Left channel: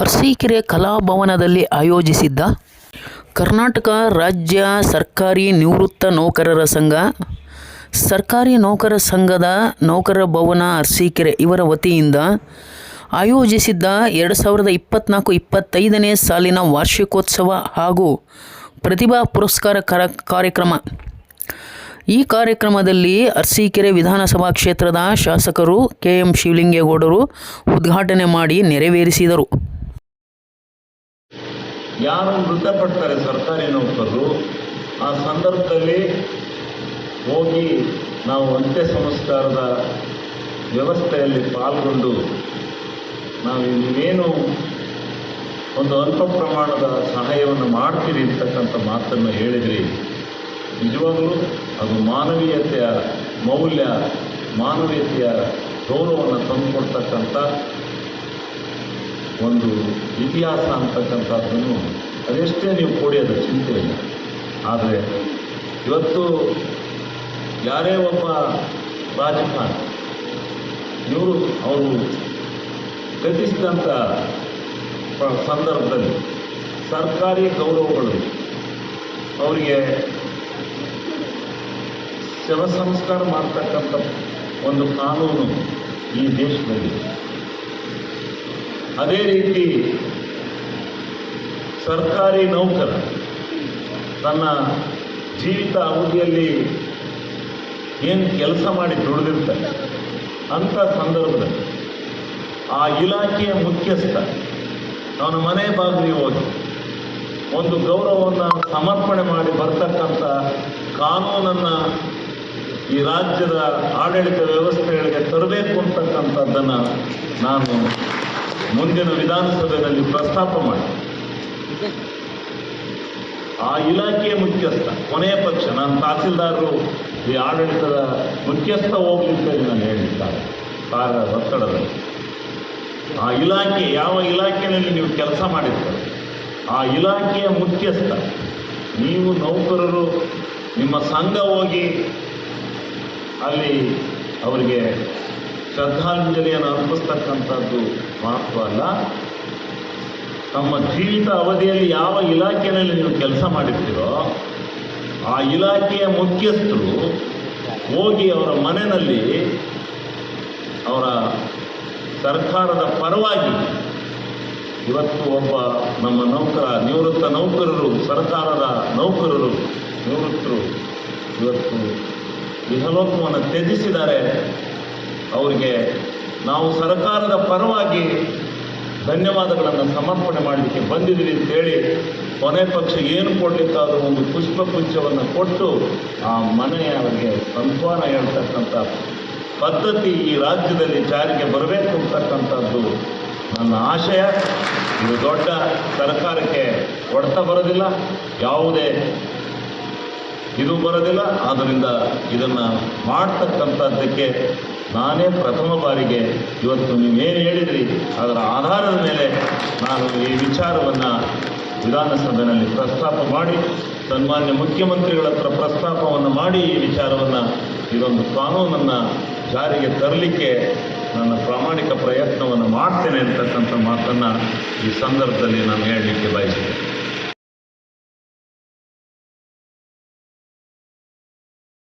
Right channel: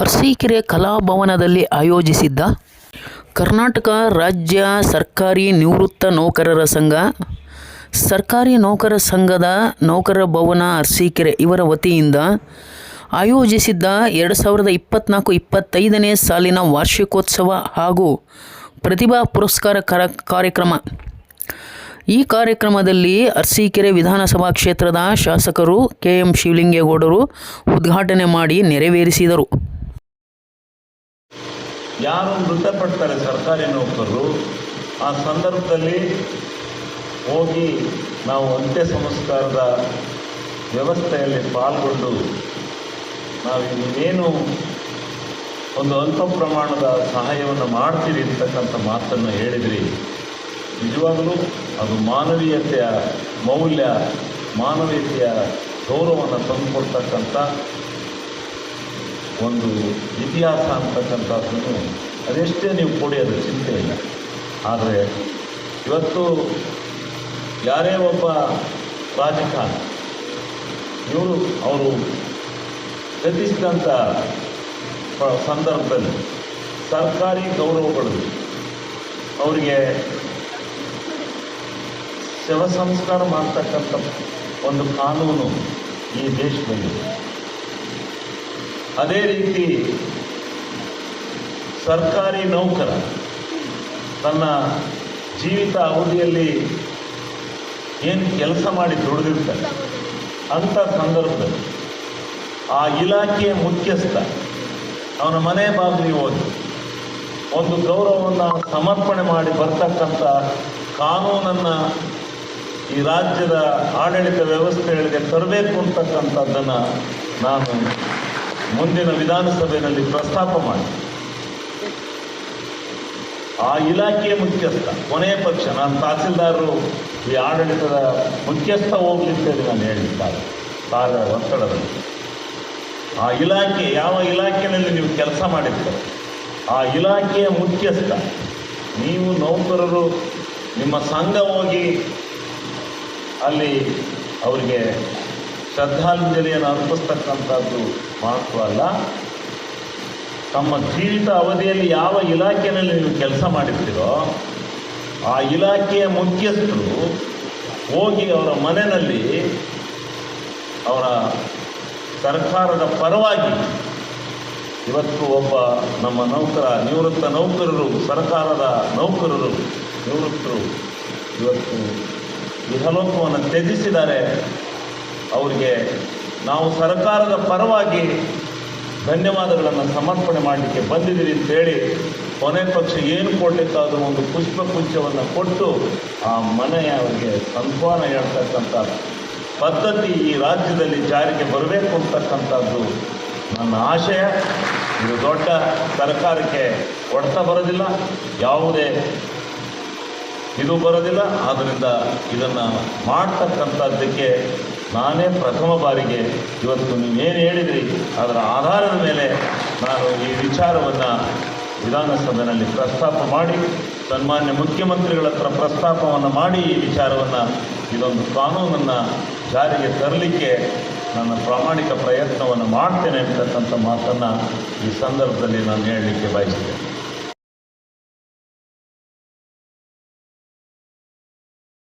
ಅರಸೀಕೆರೆ ಕಲಾಭವನದಲ್ಲಿ ಆಯೋಜಿಸಿದ್ದ ಕರ್ನಾಟಕ ರಾಜ್ಯ ಸರ್ಕಾರಿ ನಿವೃತ್ತ ನೌಕರರ ಸಂಘ, ಸರ್ಕಾರಿ ನೌಕರ ಸಂಘದ ನೌಕರ ಭವನ ಅರಸೀಕೆರೆ ಇವರ ವತಿಯಿಂದ ಆಯೋಜಿಸಿದ್ದ ಎರಡು ಸಾವಿರದ ಇಪ್ಪತ್ತ್ನಾಲ್ಕು ಇಪ್ಪತ್ತೈದನೇ ಸಾಲಿನ ವಾರ್ಷಿಕೋತ್ಸವ ಹಾಗೂ ಪ್ರತಿಭಾ ಪುರಸ್ಕಾರ ಕರ ಕಾರ್ಯಕ್ರಮ. ಈ ಕಾರ್ಯಕ್ರಮದಲ್ಲಿ ಅರಸೀಕೆರೆ ವಿಧಾನಸಭಾ ಕ್ಷೇತ್ರದ ಶಾಸಕರು ಕೆ ಎಂ ಶಿವಲಿಂಗೇಗೌಡರು ಉದ್ಘಾಟನೆ ಮಾಡಿ ನೆರವೇರಿಸಿದರು. ಯಾರು ಮೃತಪಡ್ತಾರೆ ಸರ್ಕಾರಿ ನೌಕರರು, ಆ ಸಂದರ್ಭದಲ್ಲಿ ಹೋಗಿ ನಾವು ಅಂತ್ಯ ಸಂಸ್ಕಾರದ ವ್ಯವಸ್ಥೆಯಲ್ಲಿ ಪಾಲ್ಗೊಂಡು ನಾವು ಇನ್ನೇನು ಒಂದು ಅಲ್ಪ ಪ್ರಮಾಣದ ಸಹಾಯವನ್ನು ಮಾಡ್ತೀರಿ ಅಂತಕ್ಕಂಥ ಮಾತನ್ನು ಹೇಳಿದ್ರಿ. ನಿಜವಾಗಲೂ ಅದು ಮಾನವೀಯತೆಯ ಮೌಲ್ಯ, ಮಾನವೀಯತೆಯ ಗೌರವವನ್ನು ತಂದುಕೊಡ್ತಕ್ಕಂಥ ಒಂದು ಇತಿಹಾಸ ಅಂತಕ್ಕಂಥದ್ದನ್ನು ಅದೆಷ್ಟೇ ನೀವು ಕೊಡಿಯೋದು ಚಿಂತೆ ಇಲ್ಲ. ಆದರೆ ಇವತ್ತು ಯಾರೇ ಒಬ್ಬ ರಾಜಕಾರಣ, ಇವರು ಅವರು ಪ- ಸಂದರ್ಭದಲ್ಲಿ ಸರ್ಕಾರಿ ಗೌರವಗಳು, ಅವರಿಗೆ ಶವ ಸಂಸ್ಕಾರ ಮಾಡ್ತಕ್ಕಂಥ ಒಂದು ಕಾನೂನು ಈ ದೇಶದಲ್ಲಿ ಅದೇ ರೀತಿ ಸರ್ಕಾರಿ ನೌಕರ ತನ್ನ ಜೀವಿತ ಅವಧಿಯಲ್ಲಿ ಏನು ಕೆಲಸ ಮಾಡಿ ದುಡಿದಿರ್ತಾರೆ? ಅಂಥ ಸಂದರ್ಭದಲ್ಲಿ ಆ ಇಲಾಖೆಯ ಮುಖ್ಯಸ್ಥ ಅವನ ಮನೆ ಬಾಗಿಲಿಗೆ ಹೋಗಿ ಒಂದು ಗೌರವವನ್ನು ಸಮರ್ಪಣೆ ಮಾಡಿ ಬರ್ತಕ್ಕಂಥ ಕಾನೂನನ್ನು ಈ ರಾಜ್ಯದ ಆಡಳಿತ ವ್ಯವಸ್ಥೆಗಳಿಗೆ ತರಬೇಕು ಅಂತಕ್ಕಂಥದ್ದನ್ನು ನಾನು ಮುಂದಿನ ವಿಧಾನಸಭೆಯಲ್ಲಿ ಪ್ರಸ್ತಾಪ ಮಾಡಿ. ಆ ಇಲಾಖೆಯ ಮುಖ್ಯಸ್ಥ, ಕೊನೆಯ ಪಕ್ಷ, ನಾನು ತಹಸೀಲ್ದಾರರು, ಈ ಆಡಳಿತದ ಮುಖ್ಯಸ್ಥ ಹೋಗ್ಲಿಕ್ಕೆ ನಾನು ಹೇಳಿದ್ದಾರೆ. ಸಾರ ಒತ್ತಡದಲ್ಲಿ. ಆ ಇಲಾಖೆ, ಯಾವ ಇಲಾಖೆಯಲ್ಲಿ ನೀವು ಕೆಲಸ ಮಾಡಿದ್ದೀರ ಆ ಇಲಾಖೆಯ ಮುಖ್ಯಸ್ಥ, ನೀವು ನೌಕರರು, ನಿಮ್ಮ ಸಂಘ ಹೋಗಿ ಅಲ್ಲಿ ಅವರಿಗೆ ಶ್ರದ್ಧಾಂಜಲಿಯನ್ನು ಅರ್ಪಿಸ್ತಕ್ಕಂಥದ್ದು ಮಾತ್ರ ಅಲ್ಲ, ತಮ್ಮ ಜೀವಿತ ಅವಧಿಯಲ್ಲಿ ಯಾವ ಇಲಾಖೆಯಲ್ಲಿ ನೀವು ಕೆಲಸ ಮಾಡಿರ್ತೀರೋ, ಆ ಇಲಾಖೆಯ ಮುಖ್ಯಸ್ಥರು ಹೋಗಿ ಅವರ ಮನೆಯಲ್ಲಿ ಅವರ ಸರ್ಕಾರದ ಪರವಾಗಿ ಇವತ್ತು ಒಬ್ಬ ನಮ್ಮ ನೌಕರ, ನಿವೃತ್ತ ನೌಕರರು, ಸರ್ಕಾರದ ನೌಕರರು, ನಿವೃತ್ತರು ಇವತ್ತು ಇಹಲೋಕವನ್ನು ತ್ಯಜಿಸಿದ್ದಾರೆ. ಅವರಿಗೆ ನಾವು ಸರ್ಕಾರದ ಪರವಾಗಿ ಧನ್ಯವಾದಗಳನ್ನು ಸಮರ್ಪಣೆ ಮಾಡಲಿಕ್ಕೆ ಬಂದಿದ್ದೀವಿ ಅಂತೇಳಿ ಕೊನೆ ಪಕ್ಷ ಏನು ಕೊಡಲಿಕ್ಕಾದ್ರೂ ಒಂದು ಪುಷ್ಪಗುಚ್ಛವನ್ನು ಕೊಟ್ಟು ಆ ಮನೆಯವರಿಗೆ ಸಂತಾನ ಹೇಳ್ತಕ್ಕಂಥ ಪದ್ಧತಿ ಈ ರಾಜ್ಯದಲ್ಲಿ ಜಾರಿಗೆ ಬರಬೇಕು ಅಂತಕ್ಕಂಥದ್ದು ನನ್ನ ಆಶಯ. ಇದು ದೊಡ್ಡ ಸರ್ಕಾರಕ್ಕೆ ಹೊಡೆತ ಬರೋದಿಲ್ಲ, ಯಾವುದೇ ಇದು ಬರೋದಿಲ್ಲ. ಆದ್ದರಿಂದ ಇದನ್ನು ಮಾಡ್ತಕ್ಕಂಥದ್ದಕ್ಕೆ ನಾನೇ ಪ್ರಥಮ ಬಾರಿಗೆ ಇವತ್ತು ನೀವೇನು ಹೇಳಿದ್ರಿ, ಅದರ ಆಧಾರದ ಮೇಲೆ ನಾನು ಈ ವಿಚಾರವನ್ನು ವಿಧಾನಸಭೆಯಲ್ಲಿ ಪ್ರಸ್ತಾಪ ಮಾಡಿ, ಸನ್ಮಾನ್ಯ ಮುಖ್ಯಮಂತ್ರಿಗಳ ಹತ್ರ ಪ್ರಸ್ತಾಪವನ್ನು ಮಾಡಿ ಈ ವಿಚಾರವನ್ನು ಇದೊಂದು ಕಾನೂನನ್ನು ಜಾರಿಗೆ ತರಲಿಕ್ಕೆ ನಾನು ಪ್ರಾಮಾಣಿಕ ಪ್ರಯತ್ನವನ್ನು ಮಾಡ್ತೇನೆ ಅಂತಕ್ಕಂಥ ಮಾತನ್ನು ಈ ಸಂದರ್ಭದಲ್ಲಿ ನಾನು ಹೇಳಲಿಕ್ಕೆ ಬಯಸ್ತೇನೆ